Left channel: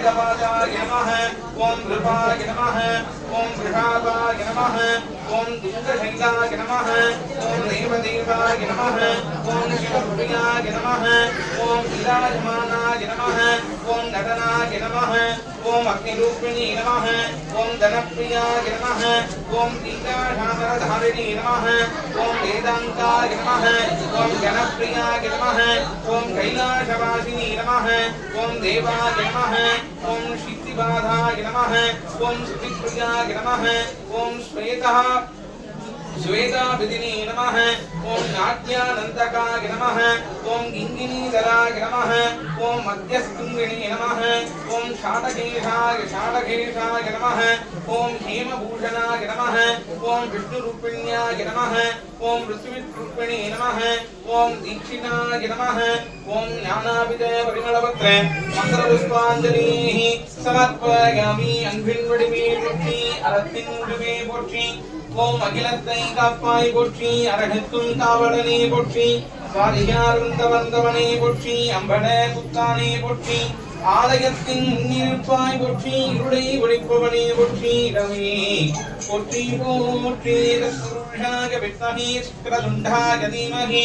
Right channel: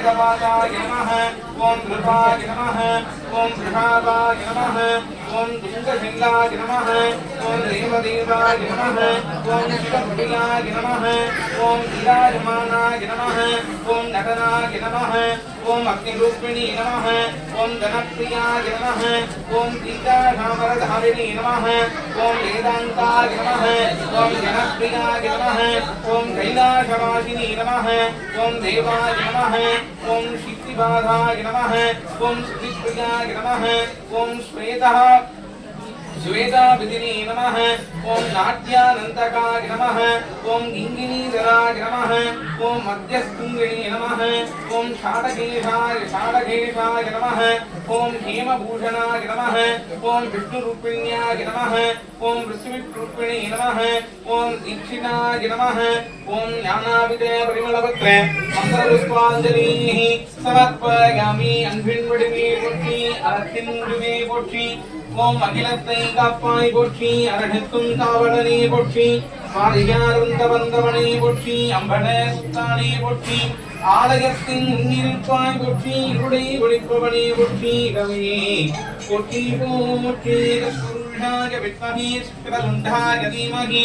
वेदवाजाय नमः। ॐ नृपाय नमः। ॐ वृषावाय नमः। ॐ दुङ्गशैलाय नमः। ॐ देवदेवाय नमः। ॐ शिवप्रियाय नमः। ॐ विराजमानाय नमः। ॐ नटनाय नमः। ओम अग्निरूपिणी नमः, ओम धनप्रियाय नमः, ओम गीताधामरधारिणी नमः, ओम वेदांताय नमः, ओम जनप्रियाय नमः, ओम कैलाशवासिनी नमः, ओम देवाय नमः, ओम शिक्तिबाधाय नमः, ओम सुधिप्रियाय नमः, ओम श्वेतः श्वेताभिदिनी नमः। ॐ नाट्यानन्तकाय नमः। ॐ गिङ्गिनीधराय नमः। ॐ मध्यस्कुङ्गिणी नमः। ॐ षाडकेशाय षाडकेशाय नमः। ॐ हेमभूषणाय नमः। ॐ विष्णुरूपिण्याय नमः। ॐ पृथ्वीरूपिणी नमः। ॐ दीक्षिणाय नमः। ॐ ज्ञानाविद மகரபுஷ்பாஞ்சலிஹி சமர்ப்பயாமி அன்பின் வடிவே போற்றி அறத்தின் முடிவே போற்றி ஓம் அகிலத்தை காப்பாய் போற்றி அரகத்தும் காவலனே போற்றி பாரியாருந்த வந்தவனை போற்றி அம்பட சுத்தானே போற்றி ஆலயத்தின் முன்னிருப்பாய் போற்றி இருளை ஒழிப்பவனே போற்றி இடமே போற்றி போற்றி வித்மகே சுக்கரசுண்டாய தீமகே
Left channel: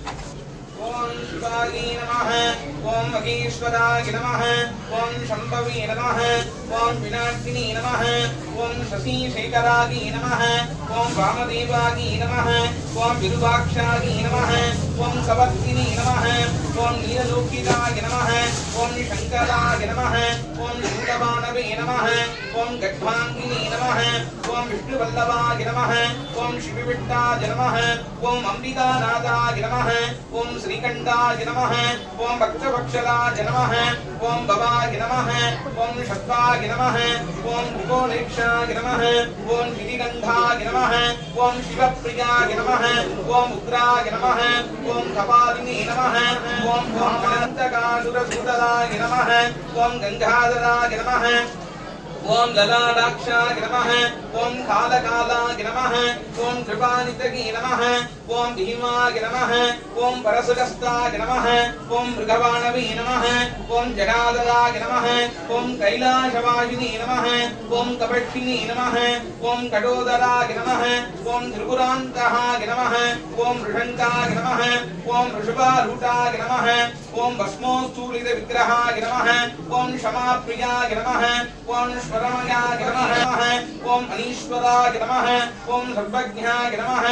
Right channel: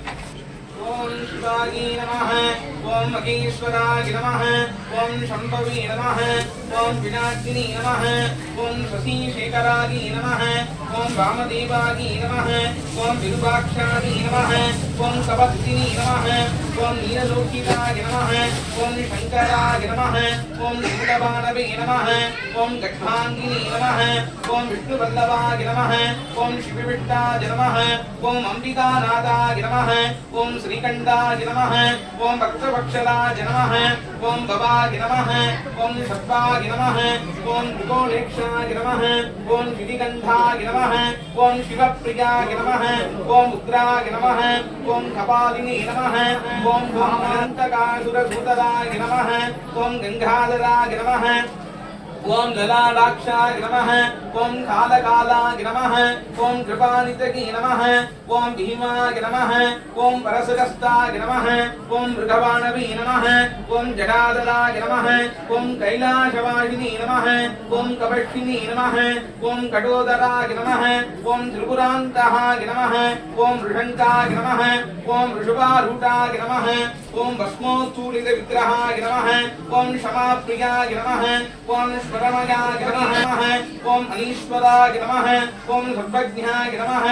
ओम शिवाय नमः, ओम महेश्वराय नमः, ओम शंभवी नमः, ओम विनाशिनी नमः, ओम शशिशेखराय नमः, ओम वामदेवाय नमः, ओम विरूपाक्षाय नमः, ओम कवत्सिनी नमः, ओम नीललोकिताय नमः ॐ शङ्कराय नमः ॐ शङ्कवानवे नमः ॐ गड्भाङ्गिनी नमः ॐ विष्णुवल्लभाय नमः ॐ शिवविट्टाय नमः ॐ अम्बिकानाथाय नमः ॐ श्रीकण्ठाय नमः ॐ भक्तवक्षराय नमः ॐ भवाय नमः ॐ शत्वाय नमः ॐ भूगोलेक्षाय नमः ॐ शितिगन्धाय नमः ॐ शिवप्रियाय नमः ॐ उग्राय नमः ॐ कपालिनी नमः ॐ దంతకాసురసూతదాయ నమ. ఓం గంగాధరాయ నమ. ఓం లలాడాక్షాయ నమ. नमः ॐ कालकालाय नमः ॐ कृपानितगे नमः ॐ भीमाय नमः ॐ परसुरस्ताय नमः ॐ मृगवाणवे नमः ॐ जटाधराय नमः ॐ कैलासवासिनी नमः ॐ कपक्षिणी नमः ॐ कटोदराय नमः ॐ त्रिपुरान्तहाय नमः ॐ ऋषङ्काय नमः ॐ ऋषभारूढाय नमः ॐ भस्मोत्सूलितविग्रहाय नमः ॐ क्षमाप्रियाय नमः ॐ स्वरमयाय नमः ॐ अनीश्वराय नमः। ॐ सर्वज्ञाय नमः।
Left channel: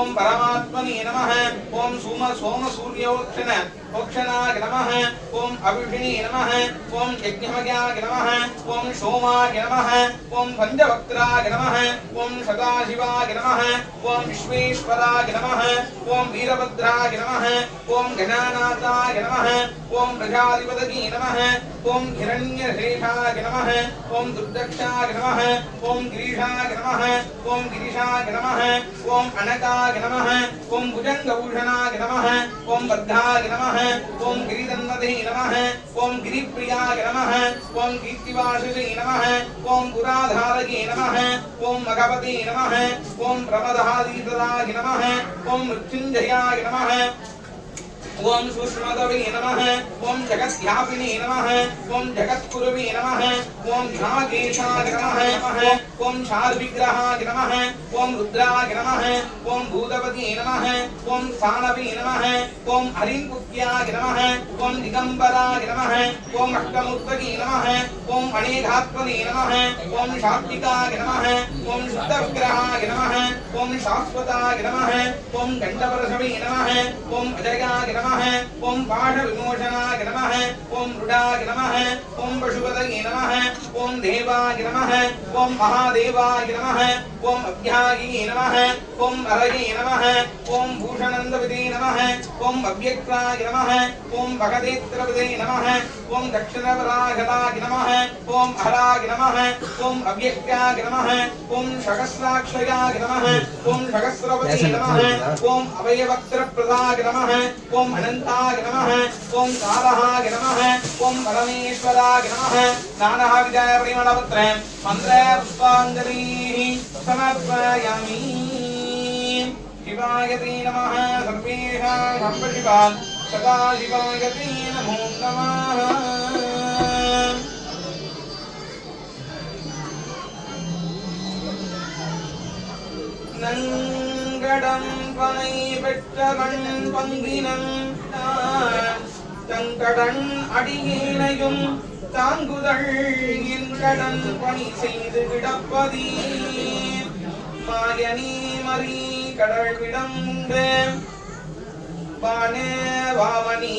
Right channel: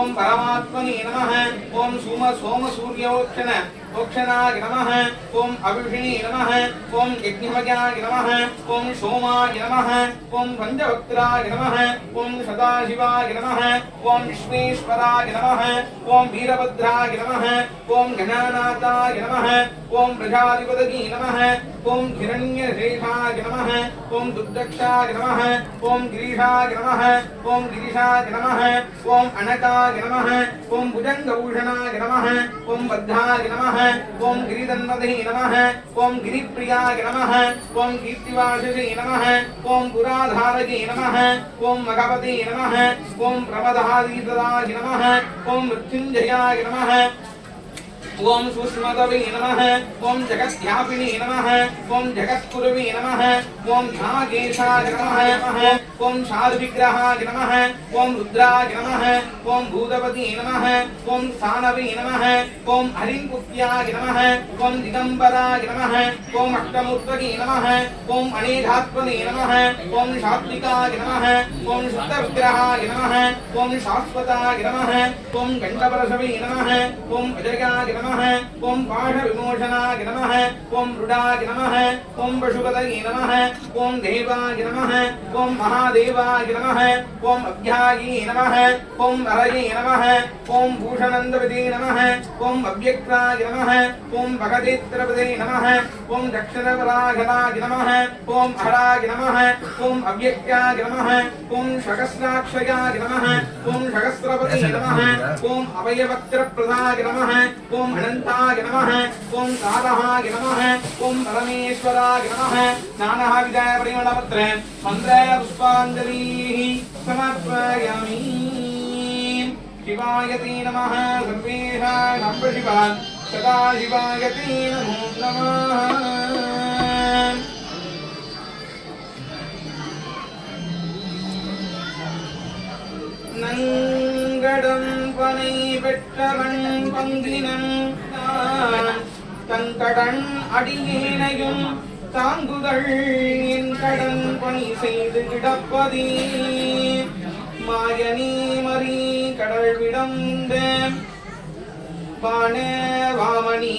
ॐ परमात्मने नमः। ॐ सोम सोमसूर्योक्षण ओक्षणाय नमः ॐ अभिषिणे नमः ॐ यज्ञमयाय नमः ॐ सोमाय नमः ॐ पञ्चवक्त्राय नमः ॐ सदाशिवाय नमः ॐ विश्वेश्वराय नमः ॐ वीरभद्राय नमः ॐ गणानाथाय नमः ॐ प्रजाधिपतये नमः ॐ हिरण्यशेषाय नमः ॐ दुर्दक्षाय नमः ॐ गिरीशाय नमः ॐ गिरीशाय नमः ॐ अनकाय नमः ॐ भुजङ्गभूषणाय नमः ॐ बद्धाय नमः ओम गिरी गिरिदंडधि नमः ओम गिरी गिरिप्रियाय नमः ओम कीर्तिवासिधि नमः ओम पुराधारगि नमः ओम मगपति नमः ओम प्रमदादिदाय नमः ओम मृत्युंजयाय नमः ओम सुष्मदवे नमः ओम जगत्यापिने नमः ओम जगत्कुरुवे नमः ओम ध्यागेशाय नमः ओम शाद विग्रहाय नमः ओम रुद्राय नमः ओम भूतपति नमः ओम सानवे नमः ओम हरिंकुत्याय नमः ओम दिगंबराय नमः ओम अष्टमूर्तके नमः ओम अणेघात्मने नमः ओम शात्विकाय नमः ओम शुद्ध विग्रहाय नमः ओम शाश्वताय नमः ओम गंडपरसवे नमः ओम अजर्गाय नमः ओम पाठ विमोचनाय नमः ओम मृडाय नमः ओम पशुपतये नमः ओम देवाय नमः ओम महा महादेवाय नमः ॐ अभ्यायै नमः ॐ अरयै नमः ॐ भूषणन्दपदे नमः ॐ अव्यक्ताय नमः ॐ भगदेत्रपदे नमः ॐ दक्षिणवराघलाय नमः ॐ अराय नमः ॐ अव्यक्ताय नमः ॐ शकस्राक्षयाय नमः ॐ शकस्रपदे नमः ॐ अवयवक्त्रप्रदाय नमः ॐ अनन्ताय नमः ॐ तारहाय नमः ॐ रमेश्वराय नमः नानः विद्यापरिमणपत्रे मन्त्रे पुष्पा புஷ்பாஞ்சலிः சமர்ப்பயாமி शिवाय ते नमः सर्वेषां नम्ब शिवान् सदा शिवाय ते नमो नमः நங்கடம் பனை பெற்றவன் பங்கினம் நான் தங்கடன் அடியேனையும் தாங்குதல் என் கடன் பணி செய்து கிடப்பதே மாயனே மறி கடல் விடந்த பான வாமணி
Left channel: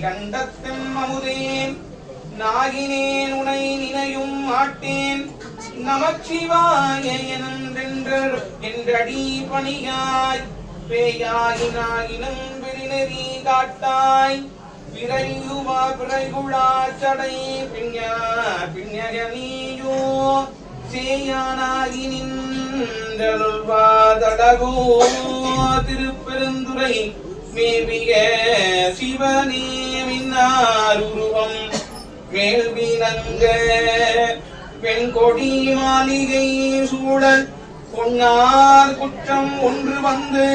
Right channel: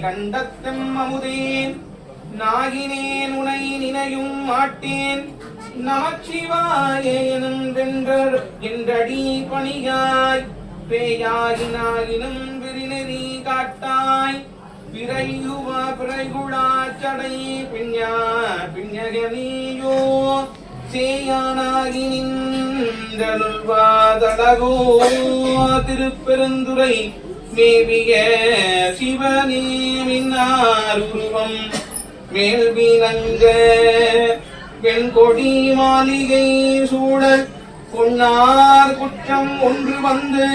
கண்டத்தம் அமுதேன் நாகினேன் உனை நினையும் மாட்டேன். நமச்சிவாய என்றடி பணியாய். பேயாகினாயினும் விரிநெறி காட்டாய். பிறையுவா பிறைகுழா பின்யா பின்யகனியோ சேயானாகி நின்றல்வாதடகோ திருப்பெருந்துரை மேவிய சிவனே மேல்வி நங்க பெண்கொடி மாளிகை சூழல் பொன்னார் குற்றம் ஒன்று வந்து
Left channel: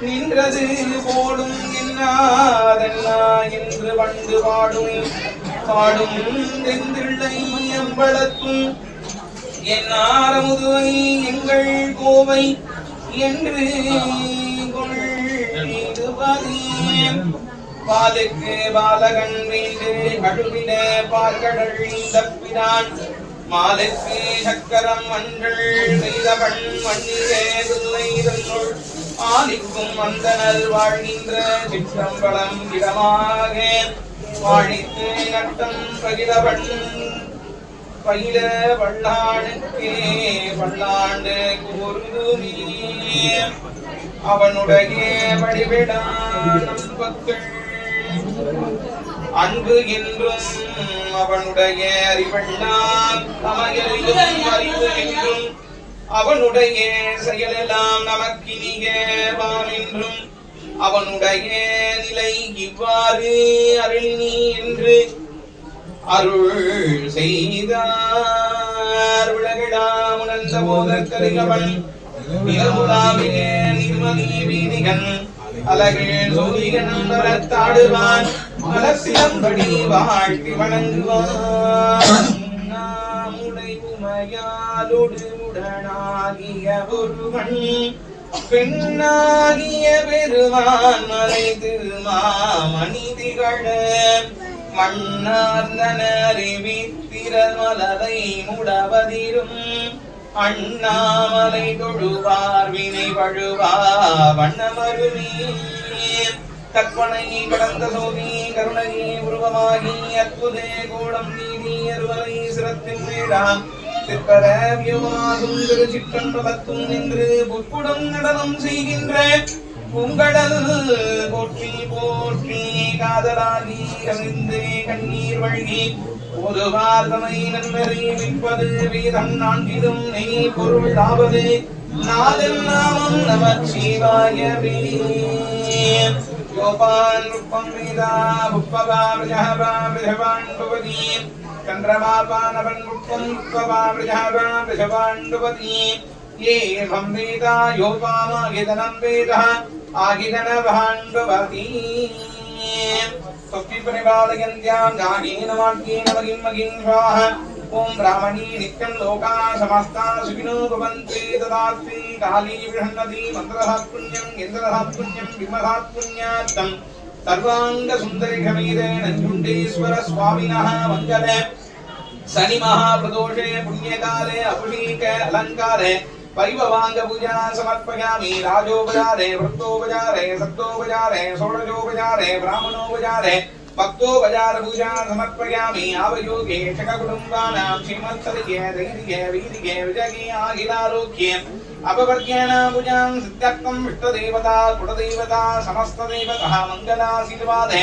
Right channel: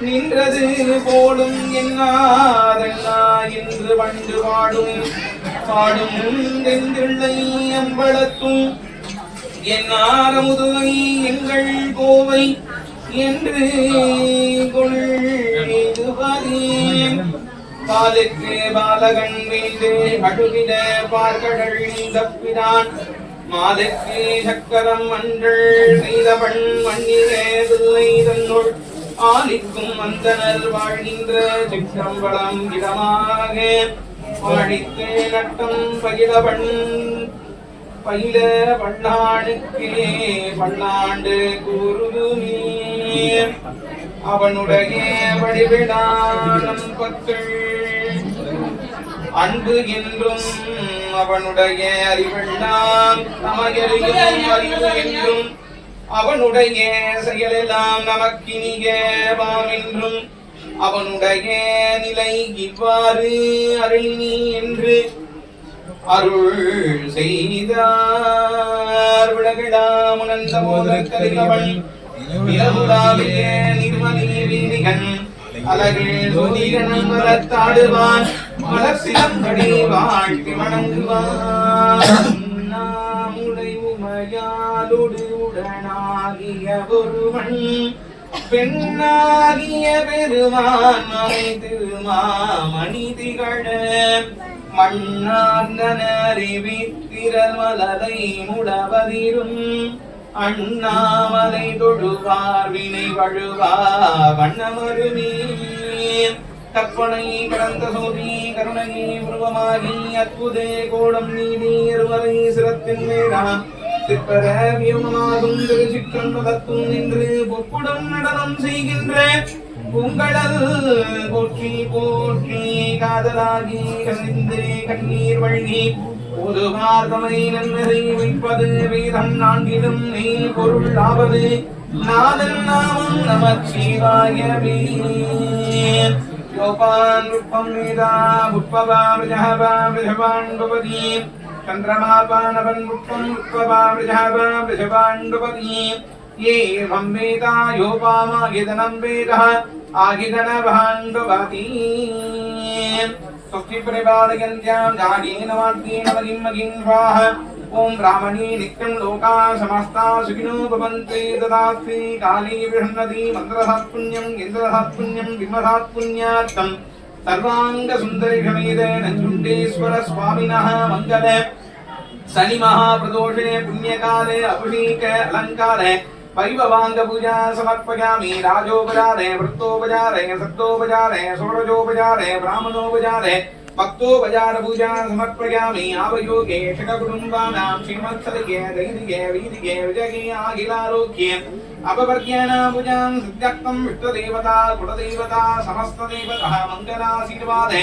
நின்றது போலும் என்னாதெல்லா என்று வண்டு பாடும். பாடும் எம்பளத்தும் என் ஆரமுதுவை எங்கள் கோவை என்று கொள்ளுவதேன் பாலுக்கு பாலகன் வீண்டு கழுவிட பார்கடல் தப்பினான் மாலுக்கு சக்கரம் மன்றள் செய்தவன் மண்ணிலே பிள்ளை தன்னுள் ஆலிக்கும் அந்தனர் வாழ்கின்ற சிற்றம்பலம் இடமாக. வாழித்தே நட்டம் பகிலவன் பயில பல்லாண்டுக்கே பல்லாண்டு கூறுதுமே அவனுடைய வடிவிடானம் பக்கள் அன்பு என்றும் அவனுடைய அறிவெல்லாம் நமயறியும் அறிவு என்றும் அவனுடைய செயலெல்லாம் நமக்கினியவாம் என்றும் அவனுடைய நிலை இவ்வாறு அருளினி என்று அருள் செய்தார். உலகிடாம் உணர்ந்த போதற்கறியவன் இரவுலாவிலே நிர்மதி வீதிகன் அலகில் சோதிகன் மலத்தாடுவான் மலசிலம்படி வாழ்த்தி வணங்குவான். நாமுடை உமையாலொடு ஒருவன் பெண்ணாகிய பெருமான் மறை திருமாமணி திகழ. மண்ணார்ந்தனறிவி திரமலரை முடவதிரும் அண்ணாமலை தொழுவார் வினை வழுவா வண்ணமருமே. கற்பனை கடந்த சோதி கருணையே உருவமாகி அற்புதே கோடம் நீதி அருவரை சிரத்தின் வேடான் சிற்பரவியமாகும் திருச்சிற்றம்பலத்தும் நின்று பொற்குடம் நடனம் செய்கின்ற பூங்கடல் போற்றி போற்றி காதலாகி கசிந்து கண்ணீர் வழங்கி பொதுவார் தமை நன்மறை வைப்பது வேதம் நான்கிலும் நெய் பொருள் ஆவது. நாதெல்லாம் நமச்சிவாயவே. யோபான் ருப்பம் வேதா புப்பவா விஜகவா விஜவான் பவதி. చంద్రమాపానపన్ముక్తముక్తపాండుపతీ ఏర్వం వేతా యోపామాగిదనం వేదః ఆగిదన భాండువతీ స్వస్తి పరిపాలయంత్యాం నాగేన వాక్యేన మగిం మగిం స్వాహ ఓం బ్రాహ్మణీ నిత్యం లోకా సమస్తా సుఖినో భవంతే తదాస్తి కాళీ బృహన్నది మంత్రసాత్పుణ్యం ఇంద్రసాత్పుణ్యం విమసాత్పుణ్యాత్తం सर्वाङ्गसुन्दरीषमीदे नञ्जुण्डेश्वर स्वामिनः मङ्गले। शनिमहाप्रदोषे, पुण्यकाले, अभिषेक, अलङ्कारे परिभवाङ्गपूजा समर्पयामि। राजोपचारे, वृत्तोपचारे, सप्तोपचारे, षोडशोपचारे, ब्राह्मणोपचारे భక్తో బజారభూజా సమర్పయామి ఆవయోగే షట కుటుంబానాం శ్రీమత్సరిగే ధైర్యే వీర్యే విజగే ఆగిలారోగ్యే అపవర్గేణ భుజాం సిద్ధ్యర్థం విష్ణుదేవతా కులదేవతా సమస్త దేవత మంగళాశీర్వాదే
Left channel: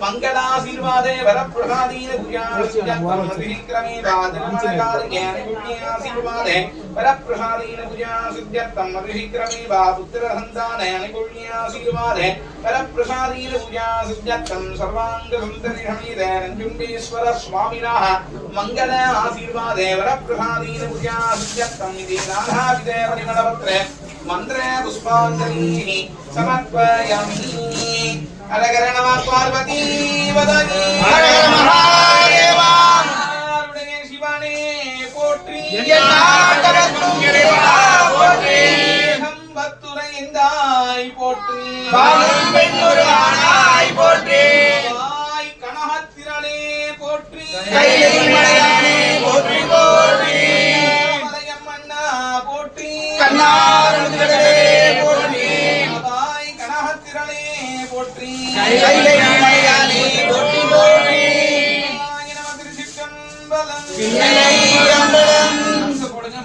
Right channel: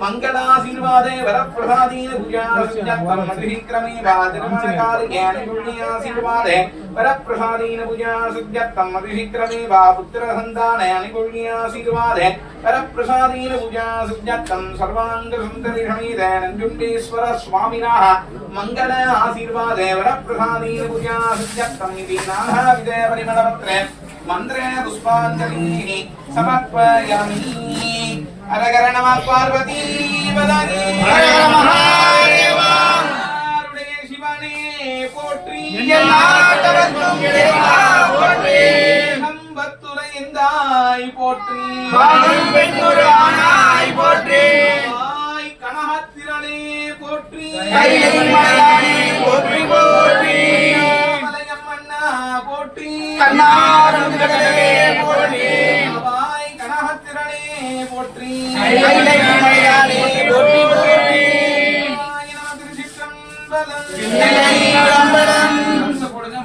മംഗളാശീർവാദേ വരപ്രസാദീന ഭുജാസിദ്ധ്യക്രമേ ബാധികാരിയാശീർവാദേ വരപ്രസാദീന ഭുജാസിദ്ധ്യക്രമേ വാ പുത്രസന്താനയാശീർവാദേ വരപ്രസാദീന ഭുജാസിദ്ധ്യം സർവാംഗസുന്ദരിഹമീതേനന്ദുണ്ടീശ്വര സ്വാമിനാഹ മംഗള ആശീർവാദേ വരപ്രസാദീന ഭുജാസിദ്ധ്യം ഇതി നാനാവിധേ പരിമളപത്രേ മന്ത്രേ പുഷ്പാഞ്ജലി. സമർപ്പയാമി. அரகர நம பார்வதி வதனி. அரகர மகாதேவா. ஆருடைய சிவனே போற்றி. எல்லாத்தவர்க்கும் இறைவா போற்றி. சம்பத்துரைந்தாய் போற்றி. வாழும் பெண்ணுரானாய் போற்றி.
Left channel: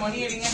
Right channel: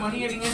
மணி அடிங்க